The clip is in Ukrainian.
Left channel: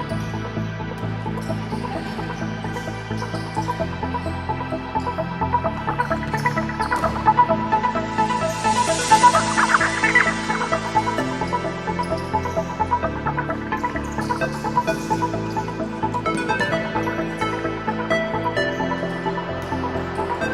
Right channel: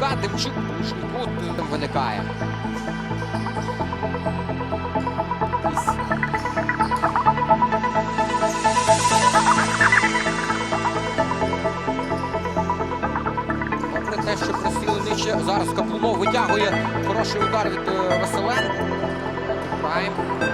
шумка, тим там виникає. Про те, що просілити зараз Каплунов витягує хороший удар від е, Василенко. Маємо.